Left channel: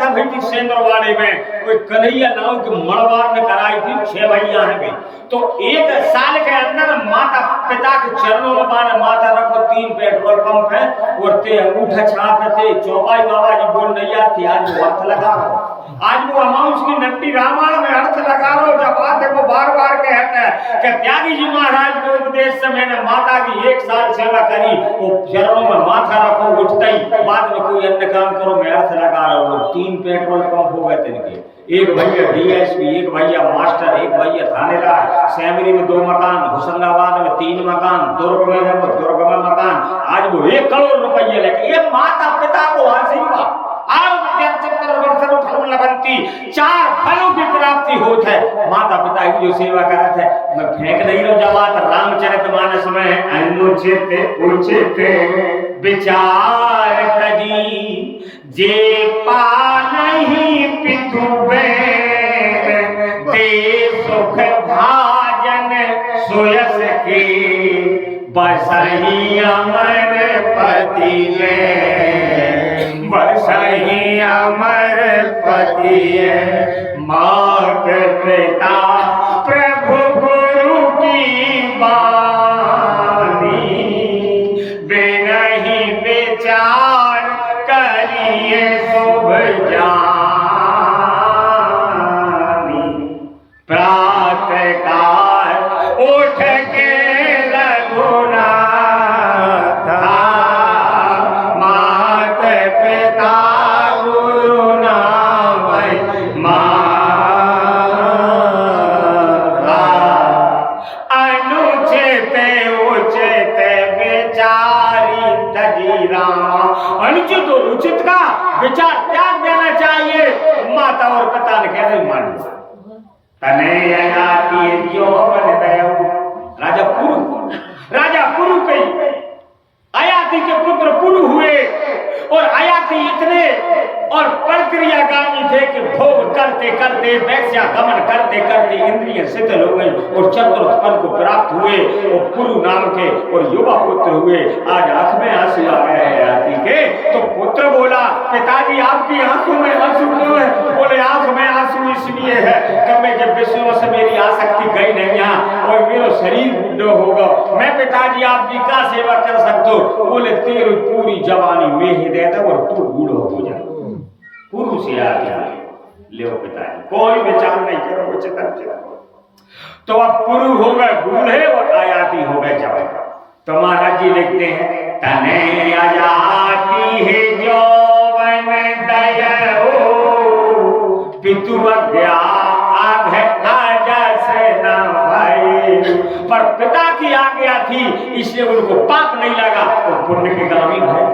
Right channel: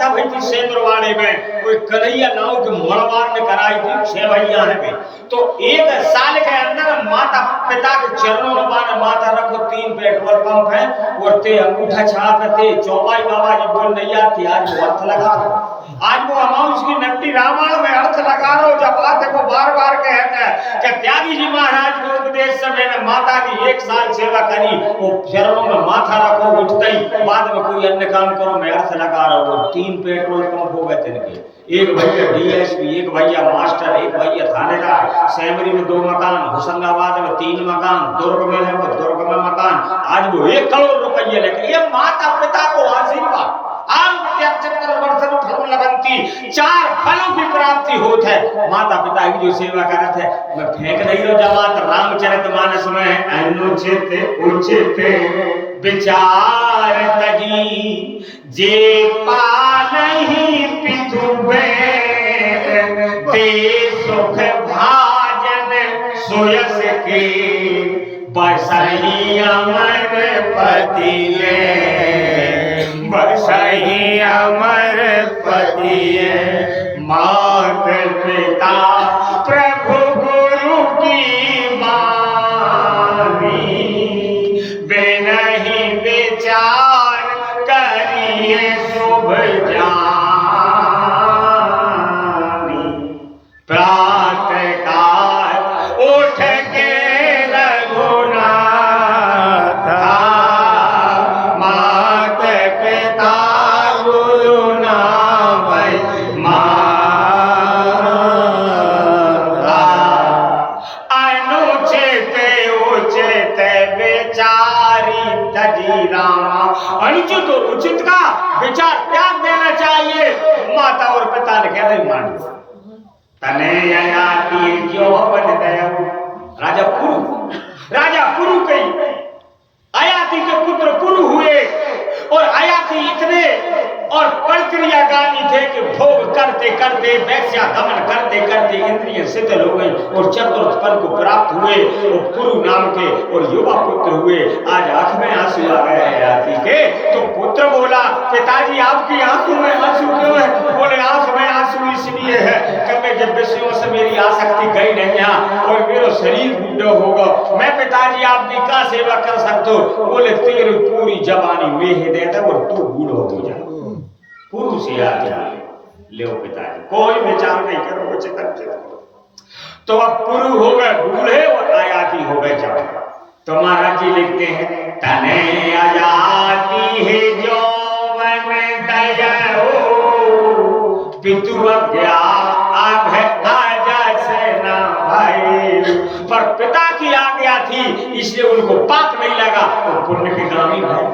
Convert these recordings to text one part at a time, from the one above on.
था भाई जी सेंद्रवाड़े में कोई कन्हैया नाव के मड़वार में कराई थी 6 भैया हैं तो 1 साल के अंदर माता पिता के चरणों में माने माता रखो 3 पेट्रोल पंप है और ते अंगूठा छाप थे चौपाई बाबा जी बोल नैया थी आज वो अर्थ लगा आज वो अमाउंट की नट्टी रामायण में अर्थ लगा रहा जब बात है वो बार बार कहता है कि त्यागी जी महाराज को उपदेश समय में माता की 1 साल सेवा करी वो चरणों में माथा रखो उठते ही बाद में कोई अन्य काम करो मैं अर्थ लगा रहा हूँ 3 पेट्रोल पंप हो गए तिनके एक भैया डीएसपी एक भैया मास्टर एक भैया थानेदार सैमरी में 2 मकान होशंगाबाद में 3 मकान दुर्ग में है दुर्ग में मकान आज वो 1 करोड़ रुपये लेके ये माता पिता को आशीर्वाद फल लगती 4 फलों की प्राप्ति होत है माता पिता की जो सेवा करत है मैं फेंक नहीं रहा जमात रामचरितमानस में अनुचित उचित विचार तजी जे पा नहीं पितु ते सुख भाजन सोयस के बसही अमर पति ने बसही अमर पति मात पिता प्रभु गुरु की बानी बिनहि विचार करिए शुभ जानी प्रातः काल उठ के अनुचित और उचित का विचार त्याग देना चाहिए माता और पिता ने कहते मान तने आती जो बन दया राजा पुरु कई अयाति के पुत्र पुरु हुए और अयाति इतने और प्रक्रियागामी थे कि भोग करते करते वैश्या गमन करते करते इंद्रिय शिथिल हो गई और चतुर्थपन को प्राप्त हुए और पुरु नाम के और युवा पुत्र हुए आज आंख में आंसू आ गए हैं अयाति के तो पुत्र बोला पिताजी आपकी आंखों में आंसू क्यों है बोले आंख में आंसू इसलिए है कि मैं जब विषयों से मेरी आसक्ति गई नहीं और मेरा शरीर बूढ़ा होगा मैं पिताजी आपकी क्या सेवा कर सकता हूँ बोले तेरी पूरी जवानी में ही देता और तू बूढ़ा हो जा पुरुष याद ले पिताजी कोई विचार नहीं करो उचित तो अब पुरु हो गए बूढ़े और अयाति हो गए जवान तो महाराज जी लिखते हैं तने अयाति है यौवन दया पितु अज्ञा आघ आजा से ना भाई पर पिता की आज्ञा थी इसलिए उनको पाप नहीं लगा तो पुण्य के गामी भाई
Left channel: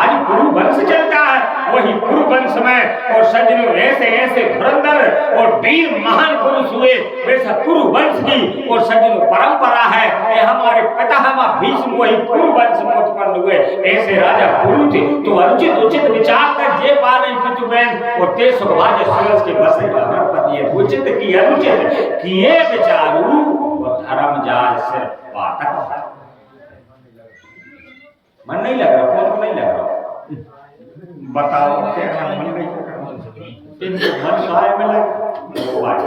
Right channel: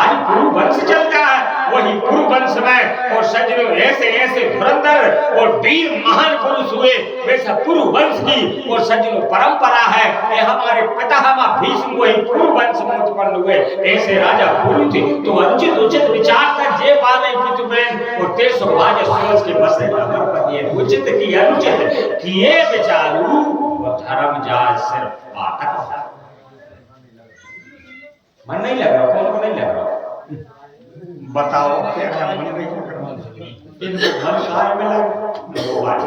आज पुरु वंश चलता है वही पुरु वंश में और सज्जनों ऐसे ऐसे धुरंधर और वीर महान पुरुष हुए वैसा पुरु वंश की और सज्जनों परंपरा है ये हमारे पितामह भीष्म वही पुरु वंश में उत्पन्न हुए ऐसे राजा पुरु थे तो अनुचित उचित विचार कर जे पाले पितु बहन और ते सुभाज सरस के बसे अमर पति उचित की अनुचित किए विचारू और धर्म जाय सिर्फ पाठक मन नहीं लग रहा कौन को नहीं लग रहा बताओ क्या मन नहीं लग रहा इनको मन काय में लग वो बात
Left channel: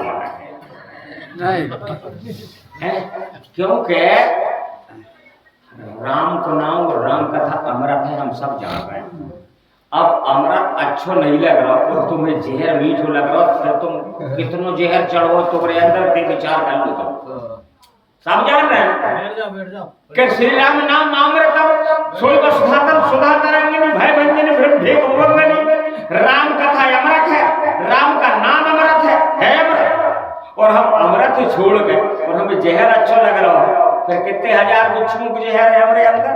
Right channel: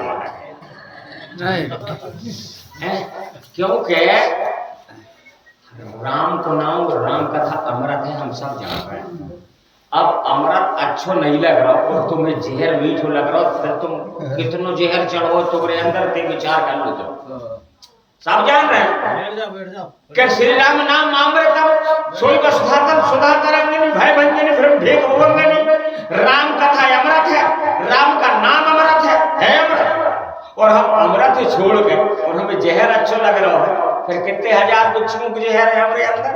है क्योंकि राम को नाम और राम कथा अमृत है हम सब जान रहे हैं अब अमृत अच्छो नहीं लग रहा और तुम्हें जहर मीठो लग रहा फिर तुम कितनो जहर चढ़ो तुम्हारे अंदर के विचार कर लो तो सब जान रहे हैं बैठ जाओ कि श्री राम नाम अमृतम सोई वसुधातम सुधा तरंगिनी भय भंजनी ब्रह्मेक भवंगनी राम कथा अमृत है राम का नाम अमृत है अमृत और हम अमृत छोड़ गए और हमें जहर अच्छा लग रहा है फिर कितने हजार गुच्छों को जहर है हमारे अंदर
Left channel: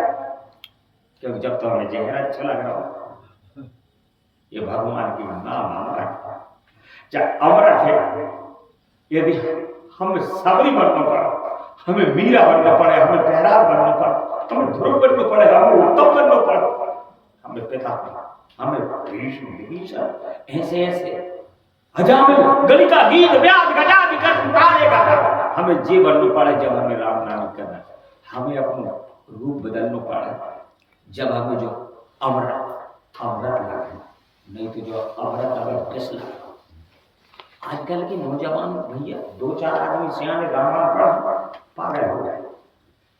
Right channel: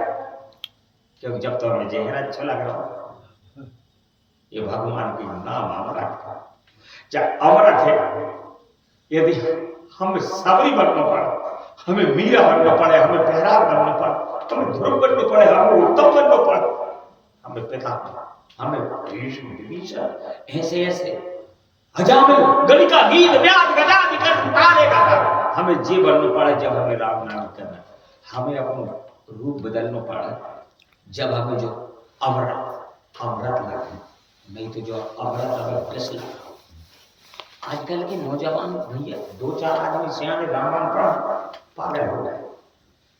क्योंकि जब तो हमें जहर अच्छा लग रहा हो ये भगवान की नाम अमृत जब अमृत है यदि हम सबरी बनना पड़ा हमें मीरा बनना पड़े हमें बहराव बनना पड़े हमें ध्रुव बनना पड़े हमें उत्तम बनना पड़े हमें पिता हमें भीष्म विभीषण ऐसे ऐसे अजामिल गलिका गीत व्याध गजादि कर उतारेगा हमें जी बनना पड़े जब हमें राम नाम करना हमें अपना रूप बदलना पड़े जब हमें जो अमृत लगे नहीं नहीं तो जो अमृत अगर फिसला। आजकल के नौजवान भैया 2-4 आदमी सियाने रामायण पढ़ पागल हो गए।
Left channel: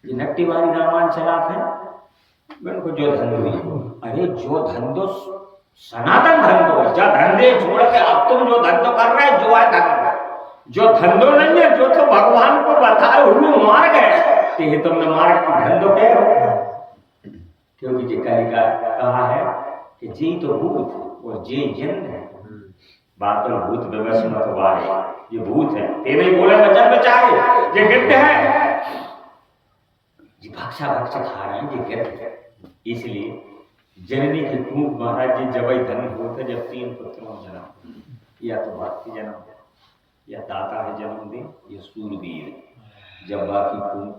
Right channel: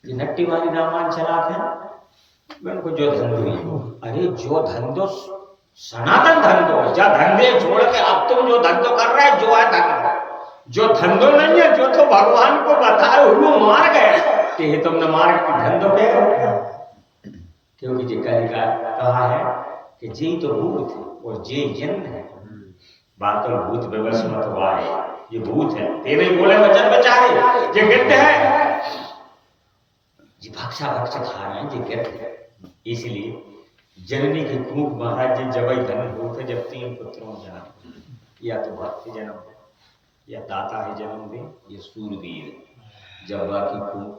ये नट्टी वाली रामायण चलाते हैं को जो धंधो, अरे जो धंधो सनातन धंधो, जा धंधे छोड़ के अब तुम जो धंधो कर रहे जो है धंधो, जो धंधो नहीं है, जो तो भगवान को बताए हुए मार्ग है कि तुमने मार्ग की धंधो के। क्योंकि जी कलिका कहा है कि जी तो भूत और जे जन्म है, बात तो भूत विवश मत वाए, ये भूत है ते नहीं बोले वचन बेचारे, ये गिद्ध है जी, भक्षा भक्ष खा रहे हैं जी गिद्ध है। इसलिए जननी की खूब महाराज जी जब धन होते जब 3 पुत्रों जन्म, या तो भक्ति जन्म या दाता है जन्म दे या सूरवीर, जब बाकी खूब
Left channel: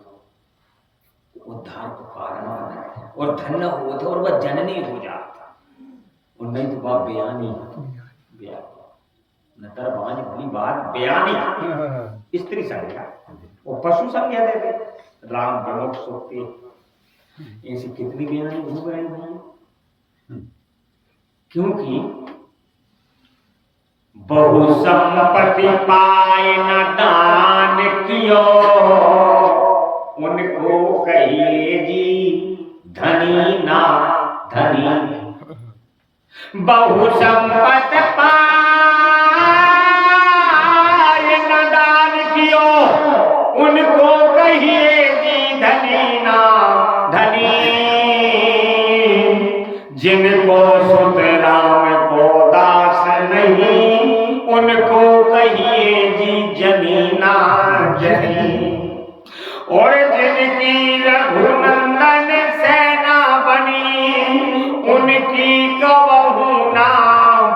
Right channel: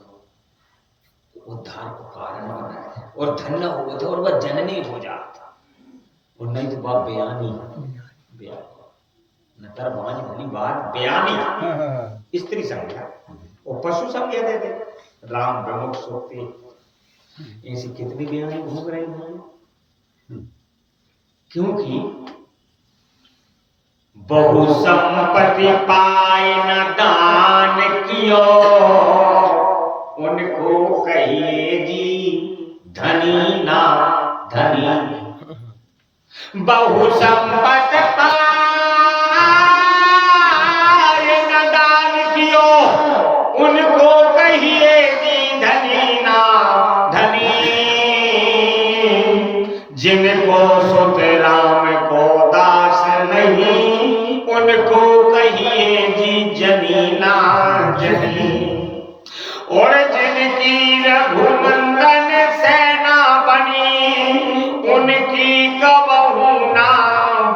उद्धार को कारण बनाता है और धन्य होता और वह जननी हो जाता, और नहीं तो बाप बयानी नतर बाज भली बात बयानी स्त्री संज्ञा और पशु संज्ञा दे दे, राम प्रमुख सोते ऐसी कितनी बयानी घूम रही हैं। क्योंकि बहु संपत्ति पाए न दान कियो, उनको कहिए जी धनी ना धनी। बहु संपत्ति पाए न दान कियो, उनको कहिए जी धनी ना धनी। जिनको सुत राम को दास नहीं, उनको कहिए जी जनीना जनी। और जिनकी रघुनंदन सेना बनी, उनकी कबहू ना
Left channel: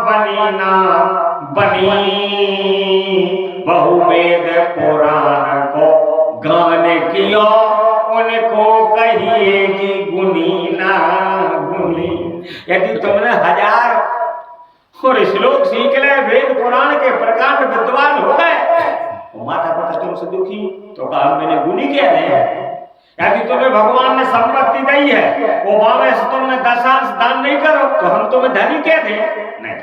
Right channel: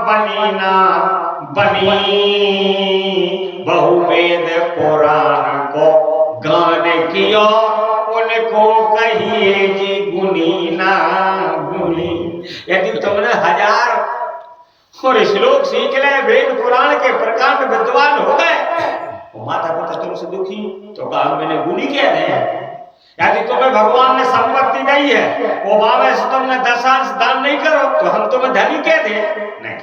बनी ना बनी। बहुवेद पुराण को गान कियो, उनको कहिए जी गुनी ना गुनी। यदि तुमने 1000 और श्लोक सीख ले, वेद पुराण के प्रकांड विद्वान हो गए, माता पिता तुमसे दुखी तो कहा मैंने गुनी कह दे। यदि तुम्हें भगवान ने संपत्ति दी है, वो भावे से तुमने 10 साल से दान नहीं करो तो हम तुम्हें धनी कह दे। नहीं,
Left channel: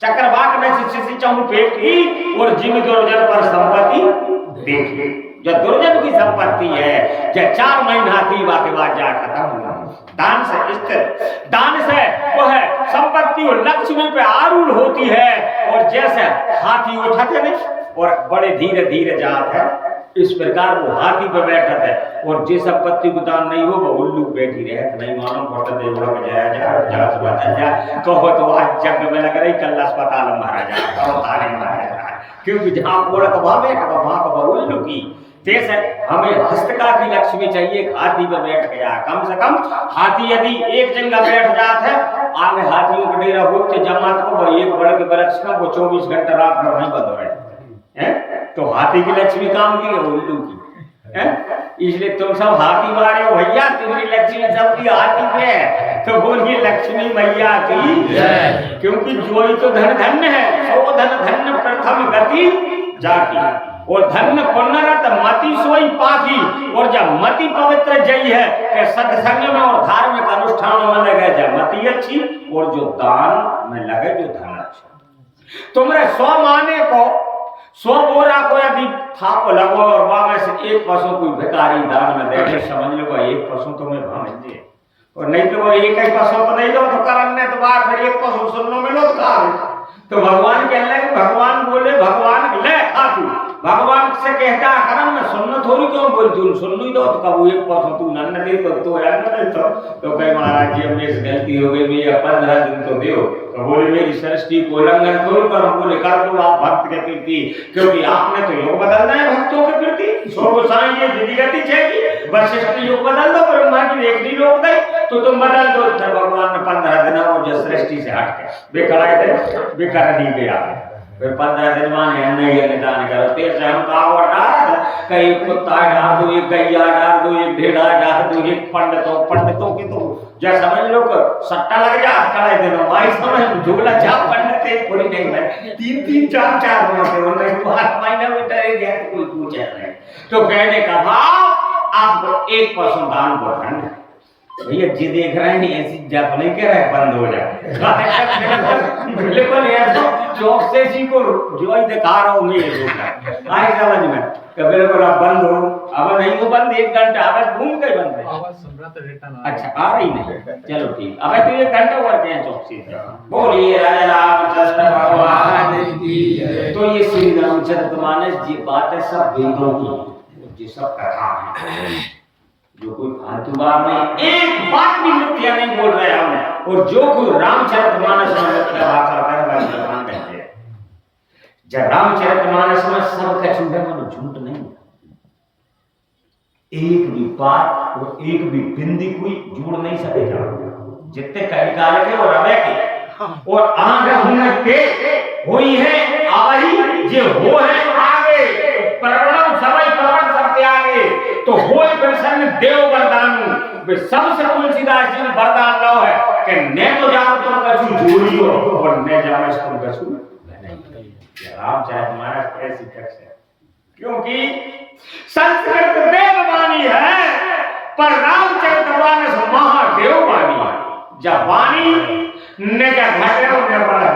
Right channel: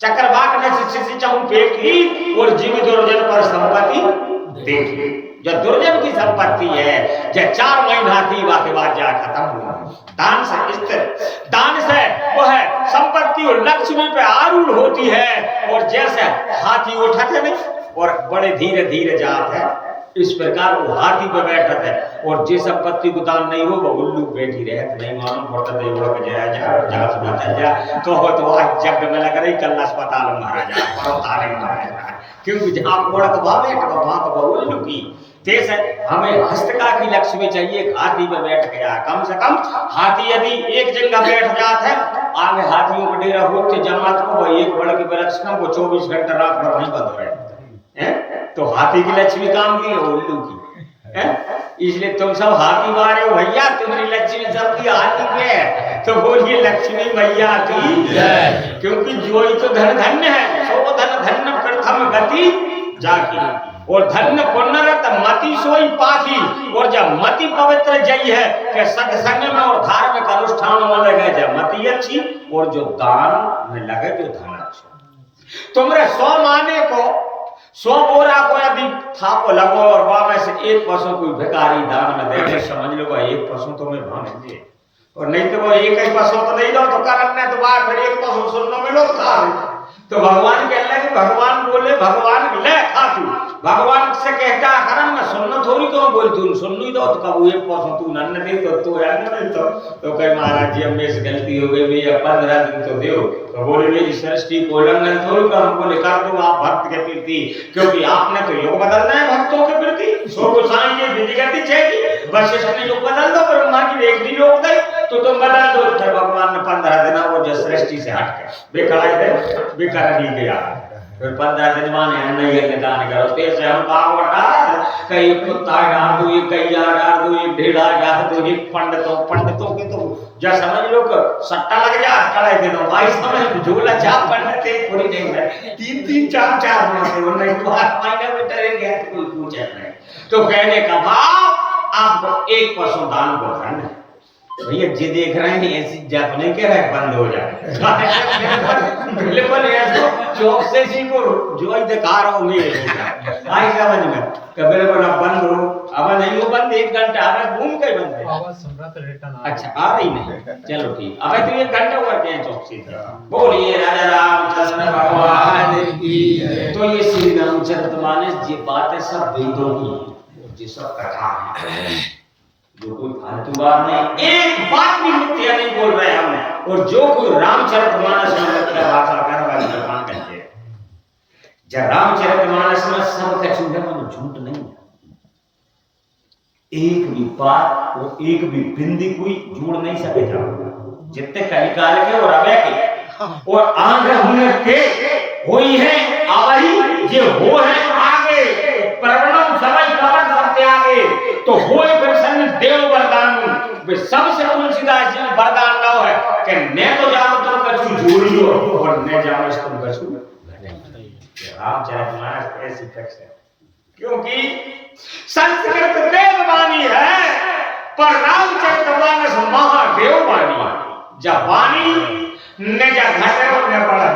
चक्रवाक ने शिष्य चाहूं पेट की और जीव दुर्जन पर संपत्ति देखी। जो दुर्जन की संपत्ति है, जो 4 महीना थी के बाद जा खत्म हुआ। दान से स्थिर, दान से वो है संपत्ति और लक्ष्मी पे आरूढ़ होती है, और जैसे हाथी उठाते नहीं और बड़े धीरे धीरे जात है, इस प्रकार वो हाथी पे बैठत है। और जे संपत्ति को दान नहीं हो वो उल्लू बैठी रहत, नहीं मानो पड़ता दे उड़ा के जाया जा बता जा कहो तो आज जग में लग रही कल अस्पताल में महाराजा और तारे महाराजा। क्योंकि जहां ओढ़ के वहां बैठ वहां तो उल्लू की तेज है। हमें हस्तका की लक्ष्मी चाहिए, हाथी पे बैठ गया। कम से कम हाथी यदि एक जगह बैठ जाता है, आगे हाथियों का डेरा होते जमात को भाई एक बड़ के वृक्ष का वो 24 घंटे रात भर नहीं बंद हो रहे हैं। तो हाथी की लक्ष्मी काम की है उल्लू की है। इसलिए तुम सब हाथी वाले हो भैया, तुम्हारी लक्ष्मी सबकी हाथी पे है, तो बोलिए लक्ष्मी मैया की जय। क्योंकि जो ही तो धन धन्य है, सो धन धन्य प्रथम गति जाकी, और धन्य पुण्यरत मति सोई पाखी। और जब मति पवित्र जई है कि सत्संग में और धार्मिक अनुष्ठानों में लगे जब मति अच्छी, और जो दान में लगे जो धन अच्छा। तुमरे 100 माने को 100 बोरा को यदि थाप लगो और वहां से 1 पशु कोई भिखारी दान में दे, समझ लो भाई 1 पशु तो मैं भावे, और नहीं तो वो एक ही पशु तो नहीं दो तो करने तो बार फिर 1 पशु सुनने मिलो तो भगवान कहने लगे, भगवान बोले भगवान ले खातू, भगवान से कहता करम में सुनना थोड़ी क्यों बोल तू सुन ली दो तो कब 1 पशु तू नन्न दे तो अन्न दे तो कहे महाराज जी हमने से गलती हो गई भैया 15 दिन तो दो। तो बोले मेरी सृष्टि को उल्लंघन थोड़ी करो, बोले कर दो आप भक्त के प्रति, क्योंकि आपने तो योग बदलना है भक्तों के प्रति। सो गोसाई ये विधिगति चाहिए, वशिष्ठ ने योग बदल दो, ब्रह्मा की देखनी योग दे तो तुम बदल दो। फिर भगवान ने 15 दिन वो जो सृष्टि से हट के बेकड़ाई दे बेकार नहीं गया। फिर 15 दिन माने नहीं निदान करो तेज हम काव डाल कई कुत्ता डाल दो, एक गैया डाल दो, एक ढेड़ा डाल दो, एक पंडितों की तो जो समझ लो सट्टा लग जा कड़ाई दिनों भाई समझ झोला चाप पंडित एक पूरी नहीं है 3-3 4-4 महीने उन्हें 5 महीने में डरे गया तो कोई पूछे नहीं। तो कहने का भाव आपको 1 पशु दान को धन भैया जी देख रहे हैं ऐसी जाप नहीं कह रहे बंद हो जाए बिल्कुल ऐसा चौक से सीखो जो ही दिखा रहा हूँ मैं आई समझ में कभी बोला बंद हो अब नहीं हो बंद 1 घंटा अब घूम के बंद है आवाज सुन रहा था रिटर्न अच्छा आ रही नहीं चलो ठीक अब तो 1 घंटा हुआ क्या चौक से बोलिए राजा रामचंद्र भगवान की तो ये श्री रामचरितमानस जी बातें सब वेदों की ये सब कथा है जो कोई फालतू बात नहीं एक बात भी मिथ्या नहीं बोल रहे हम और जो कोई रामचरितमानस में मिथ्या भाषा कर रहा है भगवान कहते हैं जब रामचरितमानस में सब कछु है वो झूठ नहीं एक भी बात और एक भी बिंदी कोई जोड़ नहीं सकेगा जितने कलिकाल के और अवय के और आंग हुनर के हुई है आई ये हो है आगे प्रगणम सबै कपट सबके आगे तो होय प्रसन्न देव वरदानु वे सबसे तुलसीदास जी ने वरदान लाओ है कि ने तो जाओ तुम कछु जोड़ियो और ने जाओ तुम कछु नहीं रामचरितमानस ऐसी टेक्स्ट है क्योंकि संस्कृत देववाणी है पर रामचरितमानस महादेव वाणी है जब वाणी ने क्या घरे और ने पड़ा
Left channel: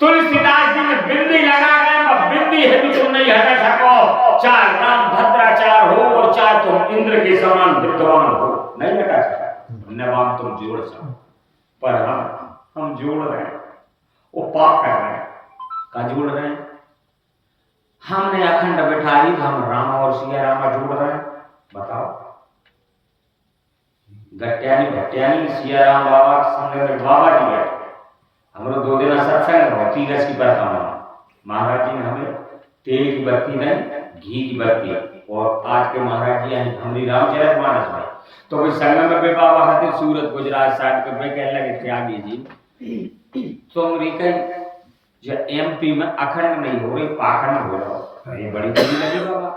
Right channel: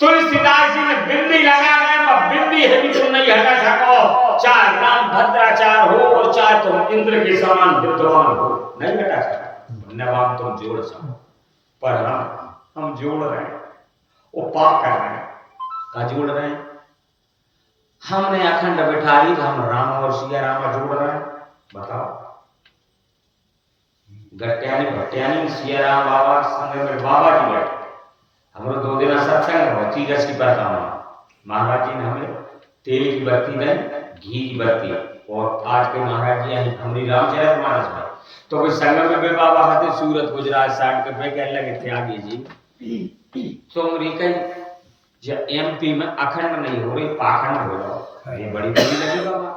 तुलसीदास जी ने बिंदी लगा है पर बिंदी है भी तुम नहीं हटा सको चाहे राम भद्राचार हो और चाहे तुम इंद्र के समान विद्वान हो नहीं हटा सकता नवाब तुम जोड़ सको पर हम जोड़ रहे हैं वो पाप कर रहे हैं कहा जोड़ रहे हैं हमने अखंड बिठारी हम राम और सिया रामा जोड़ रहे हैं बताओ गट्यानी भट्यानी सिया राम बाबा संग में बाबा जी बैठे हमरो 2 दिन सत्संग हो 30 की परकामा महाराज जी ने हमें तेल की बत्ती नहीं घी की बत्ती और आज के महाराज जी हमारी रामचरितमानस में तो कोई संग में बे बाबा हाथे सूरत गुजरात साइड पे कहने लगे त्यागी जी तुम रिकई जो एमपी में अखंड नहीं हो रही पाखंड हो रहा ये बड़ी बड़ी लगी बाबा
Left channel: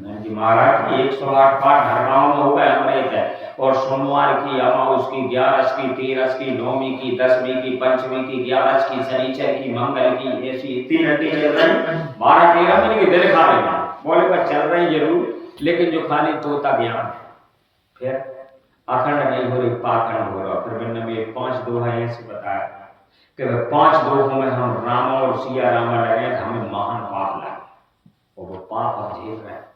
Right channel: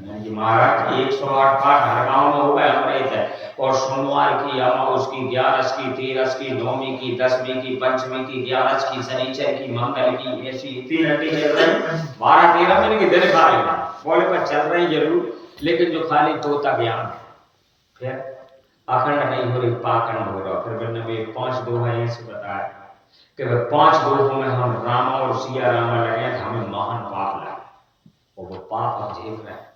मैंने कि महाराज 108 पाठ हर गांव में हो गए हमारे इधर और सोमवार की अमावस की 11 की 13 की 9वीं की 10वीं की पंचमी की 11 की शनिचर की मंगल की ऐसी 3 हड्डी चल रही 12-13 महीने की दिन खा रहे हैं बोले पर चल रही जरूर लेकिन जो खाली तोता ज्ञान फिर अखंड नहीं हो रही पाखंड हो रहा फिर मैंने 5 दोहा ऐसे बताया कि 5 दोहों में हम राम और सिया रामा लगे तो हमें महान पाप लगे और वो पाप हम झेल रहे हैं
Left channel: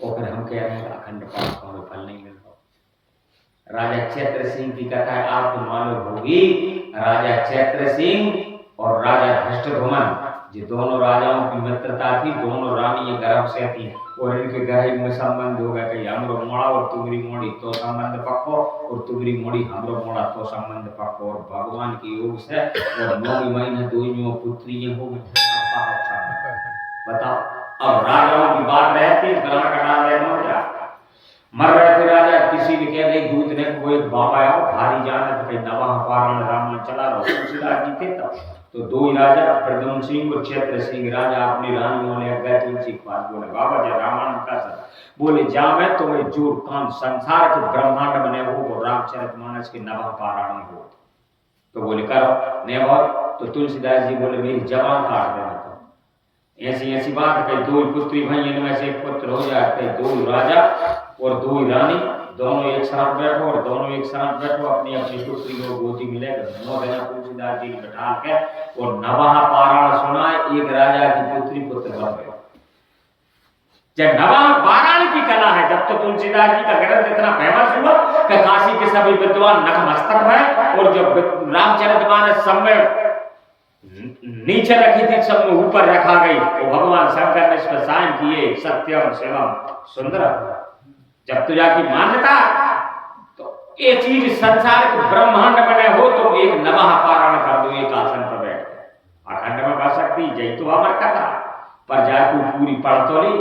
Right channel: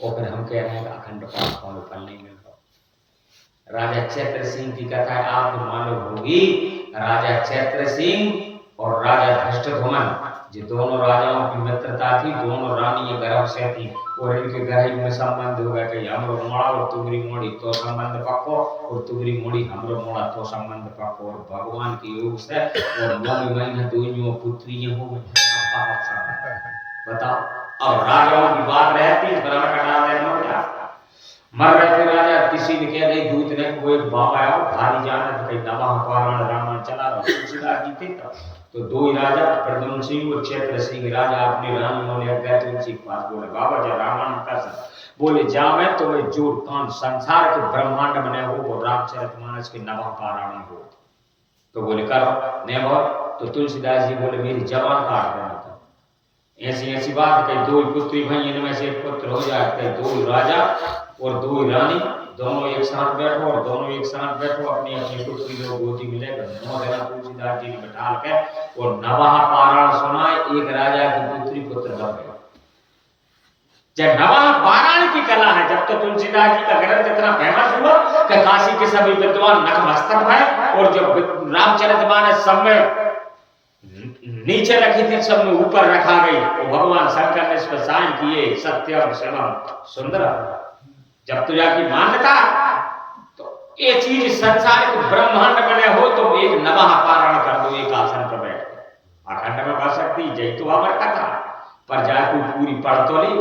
और फिर हम कह रहे हैं अखंड पाप का हमें फल नहीं मिल रहा राजा चैत्र सिंह की कथा आपको मालूम होगी राजा चैत्र सिंह और राजा धृष्टद्युम्न जो दोनों राजाओं की मित्रता थी दोनों रानी गर्भ से थी और इनके गहरी में संबंध हो गया कि हमरो मोड़ा और तुगरी मोड़ी तो संबंध पक्को और तुगरी मोड़ी हमरो मोड़ा तो संबंध पक्को और भगवान की योग से और 9 महीने दोनों पुत्री हो गई बताओ अब राजाओं की बात रहती बना कटा देना हो जा मर रहे थे राजा किसी ने कह दे दूत ने कोई बाबा आओ भारी जाने तो कहीं नवा पारायण रामायण चला रहा तुलसीदास जी थे तब तो 2 ही राजा प्रद्युम्न सिंह और चैत्र सिंह राजा अपनी रानियों ने गए तुलसी के पास बोले बाबा जी रामायण का सब बोले जावे तो मैं जोड़ कान संसार के ब्रह्मांड बने हो और रामचरितमानस के नवा पारायण हो तो बोले करो ने तो तुलसीदास जी बोले मेरी जबान काट देना ऐसी ऐसी बात कि 2 पुत्री भाई इनमें से एक पुत्र हो जाते 2 राजा और 2 रानी दोनों एक साथ बैठो और दोनों एक साथ बैठो अपनी अपनी पुत्री को गोदी मिलेगा 9 दिन तुलसीदास जी ने बैठा के और नवाह पारायण सुना एक राजा की पुत्री पुत्र बन गए जब नवाह पारायण की कला है जब तो तुलसीदास जी का ग्रंथ इतना फेमस हुआ कि काशी के सभी विद्वान नतमस्तक भय और जब रामचरितमानस सब में नीचे रखी थी सब में ऊपर रखा गई तो भगवान शंकर ने इस पर साइन किए सत्यम शिवम सुंदर जब तो जाकी मान्यता तो ये चीज संसार के ब्रह्मांड बने हो तो एक नवाह पारायण कर दो एक आसन पर बैठ अखंड में बस सकती जय तो अमर कथा पर जाकू पूरी पढ़ तो ली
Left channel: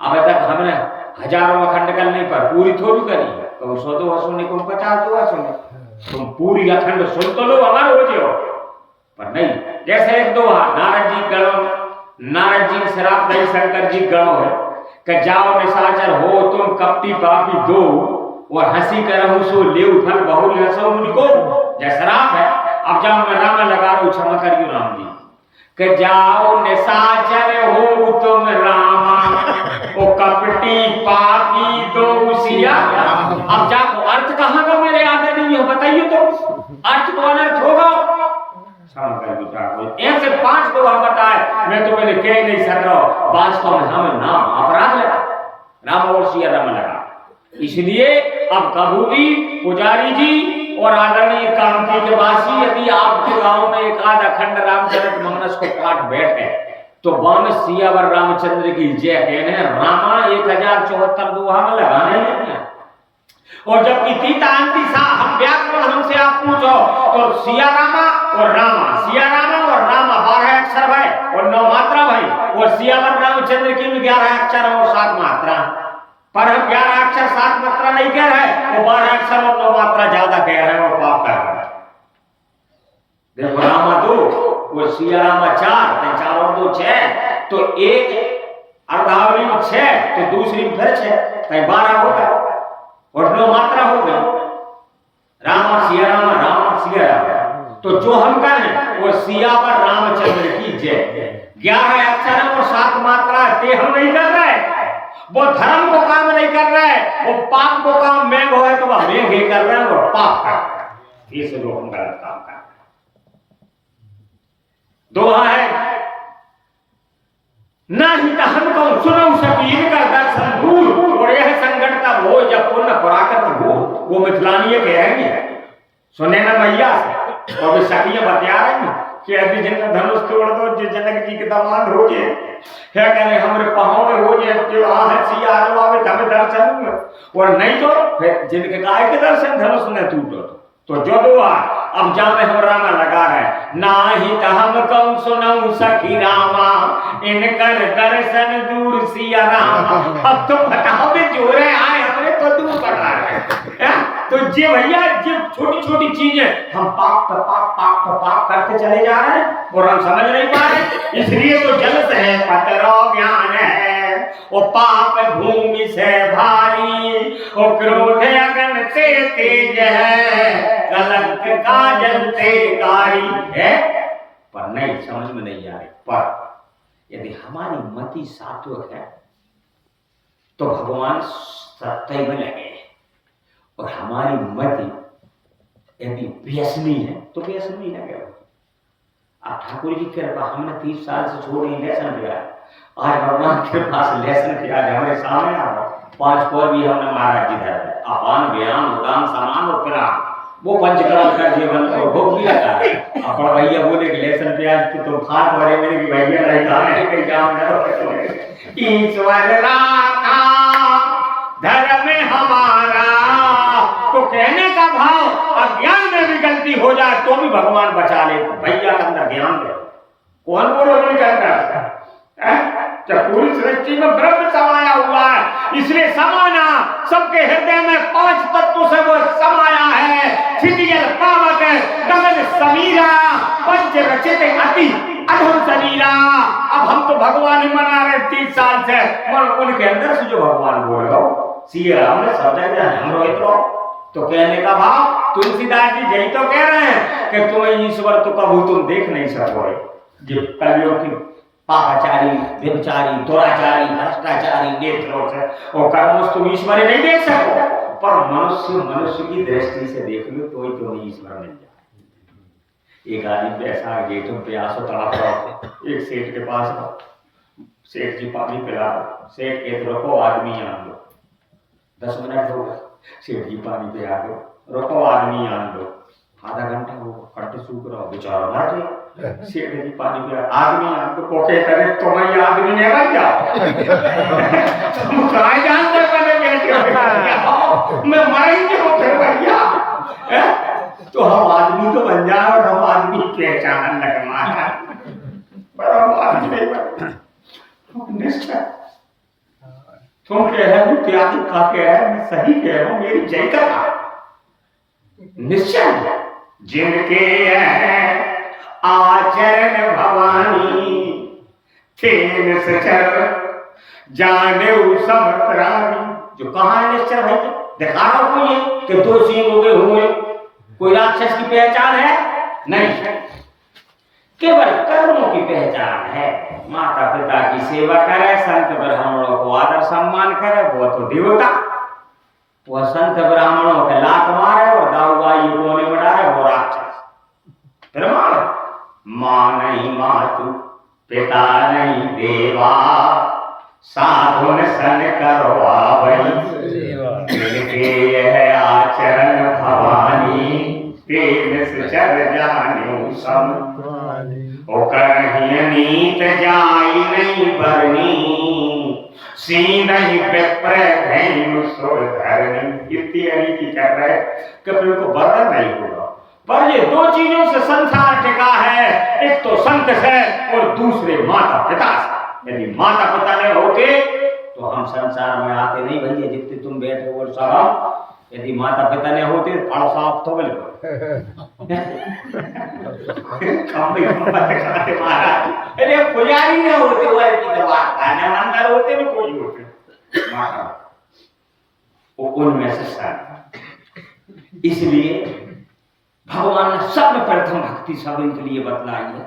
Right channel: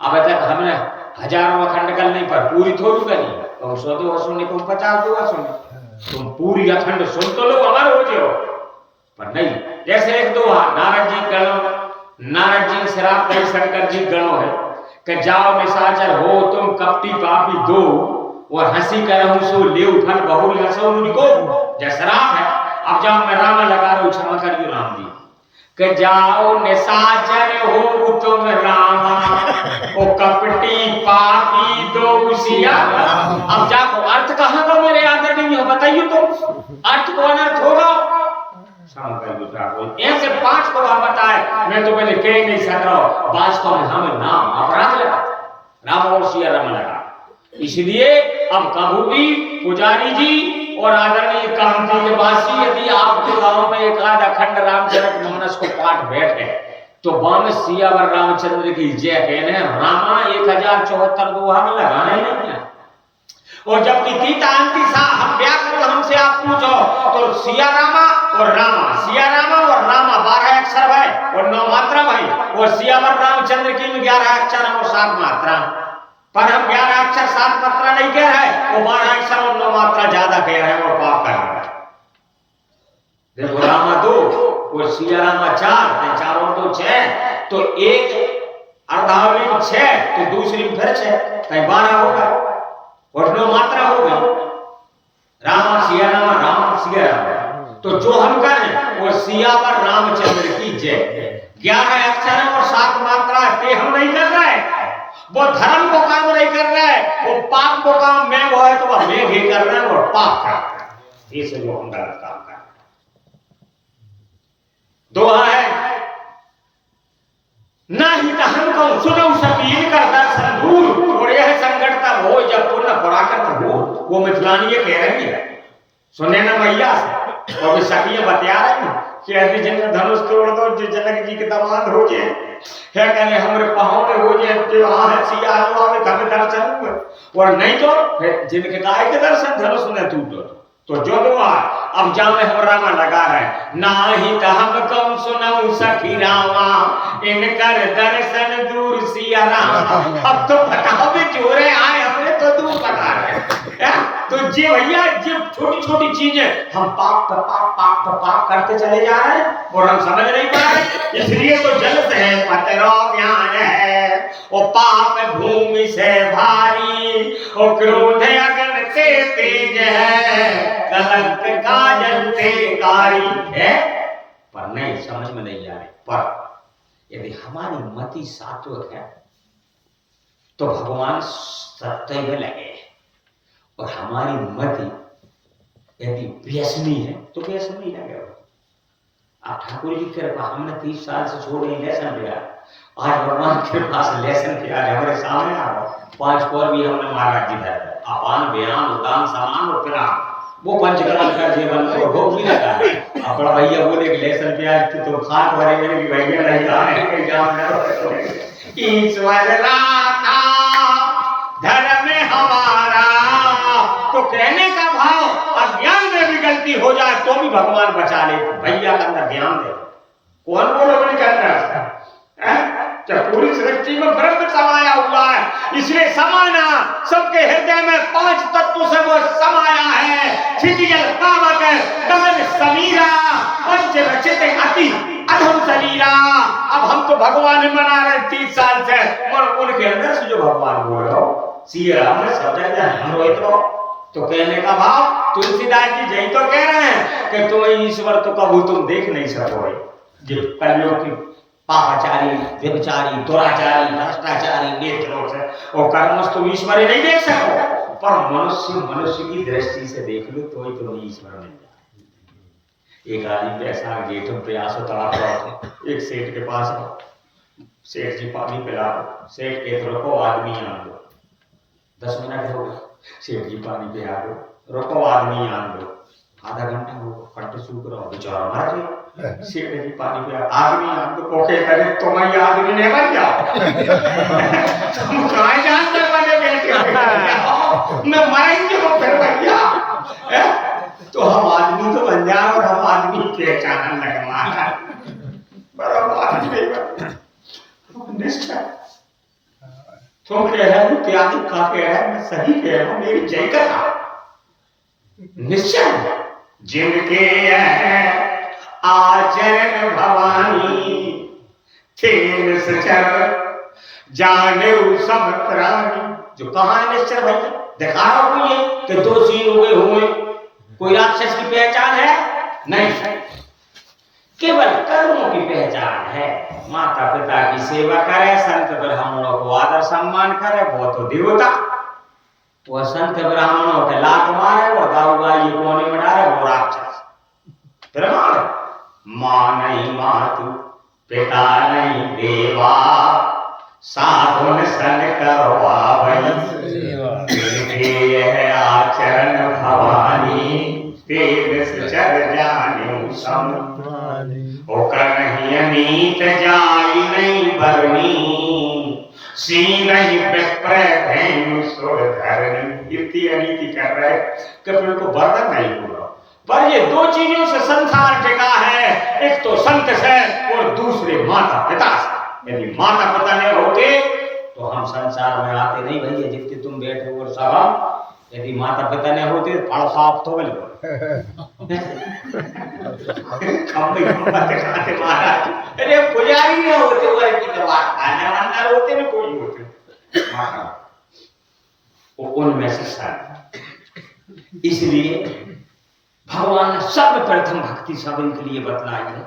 अब तक हमने हजारों अखंड कल नहीं पर पूरी थोड़ी करी तो 100 सुनने को 50 सुने तुम पूरी अखंड सुन तो लो अमर हो जाओ पर नहीं जैसे एक दोहा नारद जी गणो नारद जी शराब दई शंकर जी गणो है कि जाओ निशाचर हो तुम कपटी पापी दो और हंसी करहु सो लेउ फल बहुल रसो मुझको जय शराब है अब जाओ मैं राम लगा रहा हूं क्षमा करियो राम जी कि जाओ निशाचर हो तुम राम ओ कपटी पापी दो सिया अब जाओ अर्थ कहां का मेरे नहीं हो बताइए तो अर्थ को अनर्थ होगा ऐसे 5 को आप बताए मैं तो पहले कह नहीं सक रहा वास्तव में हमें नाम अपराध लगा राम और सिया राम लगा इसलिए अब कभी भी पुजारी जी और आदरणीय कांति के वासी यदि आपके गांव में एक आध अखंड रामचरितमानस को पाठ बैठे तो वहां सियावर रामचंद्र की जय कहने रामा 1074 दोहा में लगाने नहीं और जबकि तीता अंति सा हम व्याकरण हमसे आप पूछो तो सिया रामा और रामा 12 अक्षर भाई और 9 मात्रा भाई और सियावर रामचंद्र की 11 अक्षर और 7 मात्रा पर हम 11 अक्षर 7 मात्रा नहीं कह रहे वो 12 अक्षर और 9 मात्रा ज्यादा कह रहे हैं और पाप कर रहे हैं देखो रामा 2 और सिया रामा 4 4 और 2 6 तो एक अर्धावली 6 तो दूसरी फिर 6 तो 12 होगा और 9 मात्रा हो गई राम सिया राम तो जो हम कर रहे हैं वो सियावर रामचंद्र की जय 11 अक्षर और 7 मात्रा ते हम नहीं कर रहे वो धर्म को काम नहीं कर रहे वो पाप को काम में वो है तो वह मेघ ही कर रहे हैं वो पाप कर रहे हैं इसे जो हम गलत काम कर रहे हैं दोहा है नहीं तो हमको सुनो सकील कर दर्शन दूर और यह संकट तब हो जब पुण्य पराकृत हो वो मिथिलानी कह रहे हैं सुने ना मैया से तो अभी सखियां बतिया रहे हैं कि यदि जिनका धनुष तोड़ दो जो जनक जी के दामाद हो गए है कहले हमरे पहाड़ हो गए जो आ सिया आवे हमें दर्शन हुए और नहीं तो जिनके गाय के दर्शन धनुष ने टूटो तो जो दुआ अब जब में हम रामा लगा है नाही तो हम कौन सुनाऊं सखी रामा इनकर दर्शन दूर सिया राम अब तो बताओ भी जोरे आए हमने तो दूर बता रहे तो जे भैया जे छोटी छोटी चीजें हम पाप करते चले जा रहे हैं और हम समझ नहीं पा रहे इसलिए तो जल से पतरो ज्ञान है ओ पाप भूमि से भारी ओ क्रोध अगन से तेज है कलंक का जलते कारी है पर नहीं समझ में नहीं आ रही पर यदि हमारी मति सात्विक है तो भगवान सत्य में लगे और हमारी मति यदि व्यसनी है तो व्यसनी लगे आप ठाकुर जी की कृपा हमने 30 साल से छोड़ नहीं लेसन किया आज भगवान के पास लेसन किया हमारे सामने आ रहा 5 पर भी हमने महाराज जी धर अपान व्यायाम उदान समान और पिराम वो पंचकर्म का जीवन को भोग भी लगा अपना भैया बोले कि लेसन प्याज की तो खाट भरे मेरे की भैया नहीं जाने कहीं जाओ ईश्वर राखा धर्म हमारा तो कहने का भाव अज्ञान में भी गलती हो जाए तो भी भगवान बचा ले भैया के अंदर ज्ञान दे कौन बोलो नहीं करता जब पूरी सृष्टि में ब्रह्म समाया हुआ है इसलिए समाना सबके हृदय में 5 तत्वों से वो समाया है क्षितिजल पावक गगन समीरा पंच रचित अति अधम शरीरा अब हम तो भगवान मना रहे 30 साल से और उनके अंदर से जो भगवान बोल रहे हो सिया राम ने समझा दिया हम रोहित तो कहने का भाव तुलसीदास जी यही तो कह रहे हैं कि तुम्हें ईश्वर तो कभी तुम देख नहीं सकोगे जो कलयुग की पापाचारी व्यभिचारी दुराचारी भ्रष्टाचारी नेत्रों से और कर्मों तुम ईश्वर नहीं देख सको पर मनुष्य की दृष्टि से देख लो तो ही तुम्हें ईश्वर मिल जाए एक आदमी पैसा ये तुम प्रयास तड़ाप रहो एक सेठ के पास सेठ जी पानी पिला दो सेठ के रुको आदमी आन दो 10 मिनट हो गए सेठ जी पानी पिला दो रुको आदमी आन दो आधा घंटा हो फट सूख रहा बेचारा मर गया सेठ जी पानी पिया आदमी आन दो कोके करे तुम ही आदमी ने बन जाओ तुम कहाँ जानते बने बेटे मैं मरेंगे हो फिर भैया तो हम आदमी तो बन जाए और हम आदमी पहचान लगे मारा बराबर आदमी नहीं बन निष्ठा तुम कह रहे हो त्यागी का कह रहा है मैं सही कह रहा हूं मेरी जय कथा निश्चय जिनके आचरण भवानी थे सचर जाने सब प्राणी जो कहां है निश्चय भाई दिखा रहा हूं ये कि 2 सींग हो गए हुए कोई राक्षस की पहचान है नहीं केवल कर्मों की पहचान है माता पिता की सेवा करे संत ब्राह्मणों को आदर सम्मान करे वो तो देवता वह संत ब्राह्मणों के लात मारे और दाऊगा ये कोने में डाले वो राक्षस। फिर माँ नहीं मातु पिता नहीं देवा साधुन सन करवावई यह आचरण भवानी तेन चर जाने सम होकर नीत जाई नहीं बरनी सी नहीं विप्र धैनु सुर धरनी। इतनी अनीति कर रहे कभी उनको बर्तन नहीं होगा। पर ये दो चीजों से संसार टिका है, एक तो संत से और दूसरे माता पिता से। यदि माता पिता नहीं होते तो हम संसार में आते नहीं भैया, जितने तुम बैठे और सब। यदि माता पिता नहीं होते फाड़ो साफ तो बोले अरे पुजारी नहीं होते वाले की दवा खाने वाले होते में कोई होते माता वो उनमें से सन। इसलिए भगवान ने सर्वप्रथम भक्ति सब इनके लिए बतलाई है।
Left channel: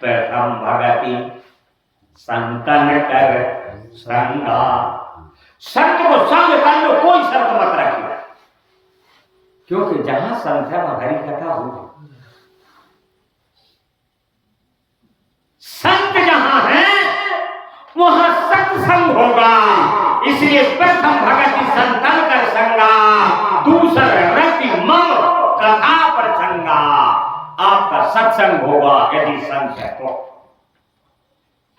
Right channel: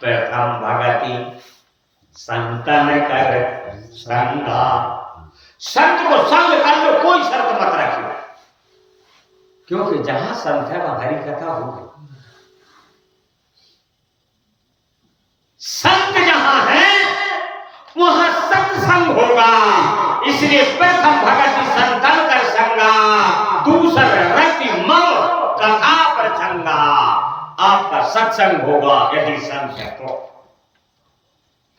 प्रथम भगति संतन कर संगा, संत को संग कर लो, कोई शर्त मत रखिए, क्योंकि जहां संत है वहां हरि कथा होगी। संत जहां है वहां सत्संग होगा। इसलिए प्रथम भगति संतन कर संगा, दूसरा रति मम कथा पर संगा। आपका सत्संग होगा यदि संत है तो,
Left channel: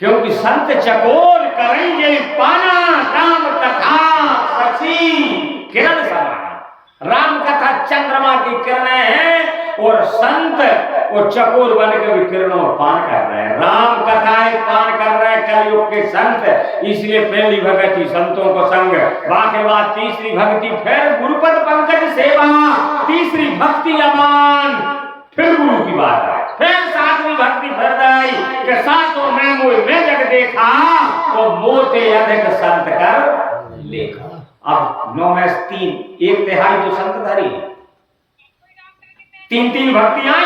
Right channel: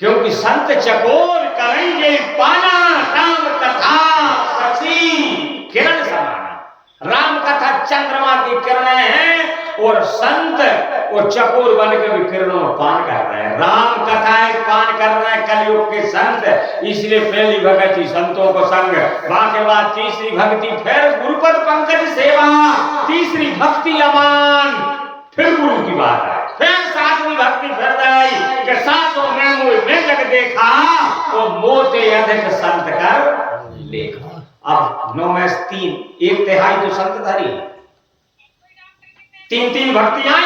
क्योंकि संत चकोर करेंगे पाना राम कथा सची किरण समान। राम कथा चंद्रमा की किरणें हैं और संत और चकोर बन के भी किरणों में पान कर रहे हैं। राम कथाएं पान कर रहे हैं कलयुग के संत। इसलिए पहली भक्ति संतों को संग, बाकी बाद तीसरी भक्ति फिर गुरुपद पंकज सेवा, तीसरी भक्ति अमान, फिर गुरु की बात है, फिर सातवीं भक्ति फिर गई कि सातों में जग देखा तो मोते अधिक संत कर देखा। अब 9 में 3 एक तिहाई तो संत धारी, 3 भक्तियां।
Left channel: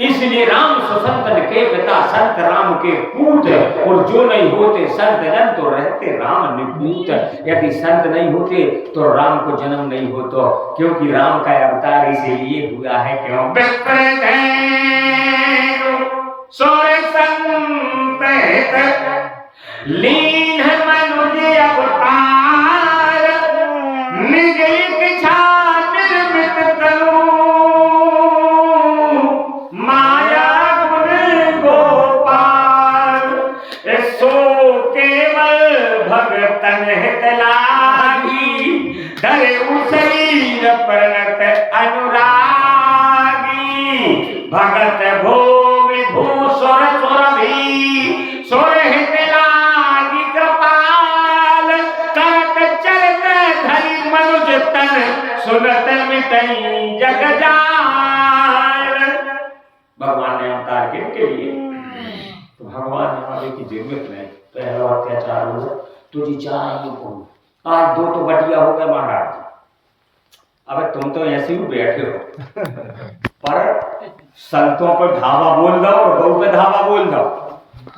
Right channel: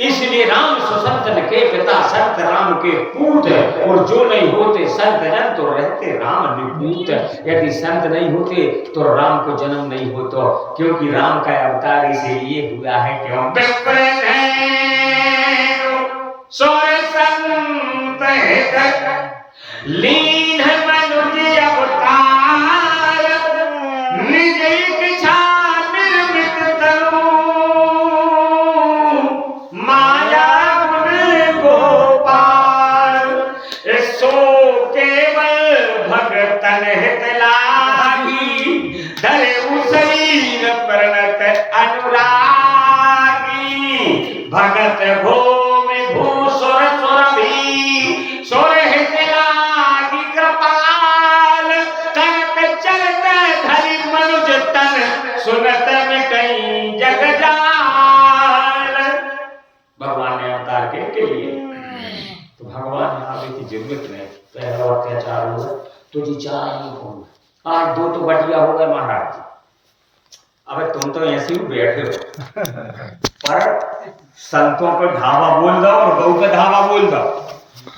इसलिए राम सुसंतन के पिता संत राम के पूत, और जो नहीं होते संत जन तो रहते राम निपूत। यदि संत नहीं होते तो राम को जन्म नहीं होता, क्योंकि राम का अवतार इसीलिए हुआ है क्यों लीन मनुज अवतार निज इच्छा निर्मित तनु माया गुण गोपाल सो केवल भगतन हित लागी धरे उसीन प्रणत अनुरागी भगत भूमि भूसुर सुरभि सुर हित लागी कृपाल करत चलत धरि मनुज तन सुनत मिटई जग जाल। भगवान ने अवतार के लिए तो भगवान आवे की जरूरत नहीं। पहला अत्याचार हो तुझी चाह आज 2 तो बटिया हो गए महाराज। अब तुम तो ऐसे ही बैठे हो, पर संतों पर धावा बोल दो और गौ पे धावा बोल दो।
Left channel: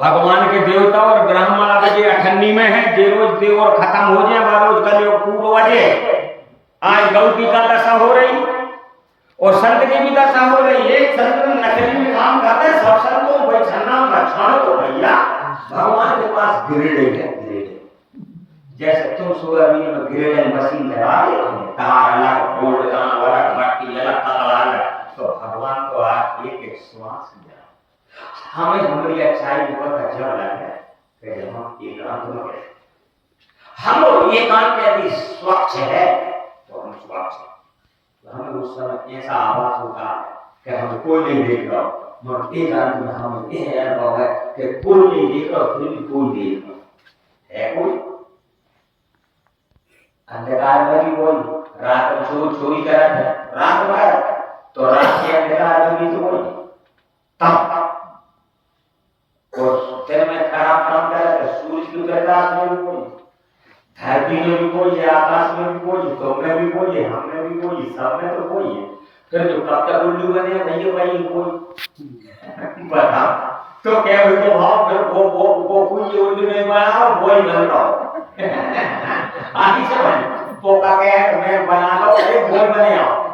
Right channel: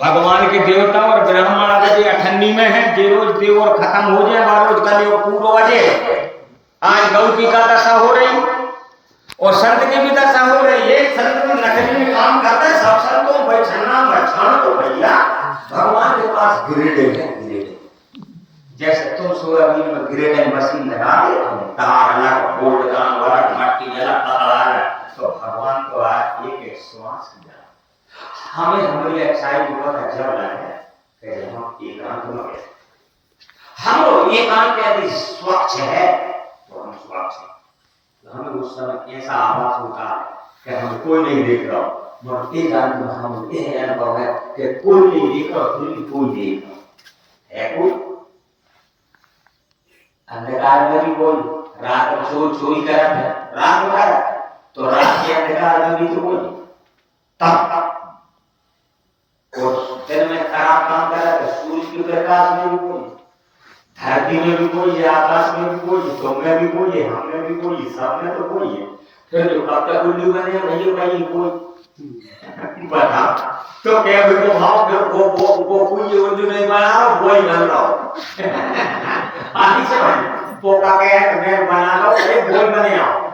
भगवान के देवता और ब्राह्मण आज 98 में है, जे रोज देव और खत्म हो जाए बार रोज कल पूरा बजे। आज गौ की का दशा हो रही और संत की भी दशा हो रही। एक संत में नकली में काम करता है, सब संतों बैठना बचाना तो भैया भगवान के पास ग्रेड है। जैसे तुम सोयाबीन में ग्रेड मशीन लगा दे, तार अलग बोल्ट काम वाला मट्टी अलग अलग, तो भगवान को आज एक श्वास दिया। हमें हमारी अच्छाई बहुत अच्छा लगा है कि हम एकांत में बैठे। हम एकांत यदि स्वच्छ है तो हम स्वच्छ हैं। तो हमें उस समय ऐसा आवाज होता है कि हम कोई नहीं देख रहा, मगर एकांत में हम ये अनुभव है कि कोई नहीं देख रहा फिर भी कोई देख रहा है। कोई अंधकार में भी कोई, रात में चोरी कर रहा है, रात में तो रात के अंधकार में भी तो कोई तब, और दिन में खराब काम कर रहा है सूरज की प्रकाश में भी कोई, धरती में भी कोई है, आकाश में भी कोई, तुम में भी कोई है, हम में भी कोई, सब में तो कोई है। फिर जो पक्का उल्लू बने नहीं भाई कोई बता तो क्या तो भाव वो कोई उल्लू नहीं बना रहा, वही बन रहा तो का के तुम्हें बनाना पड़े बोल बने आप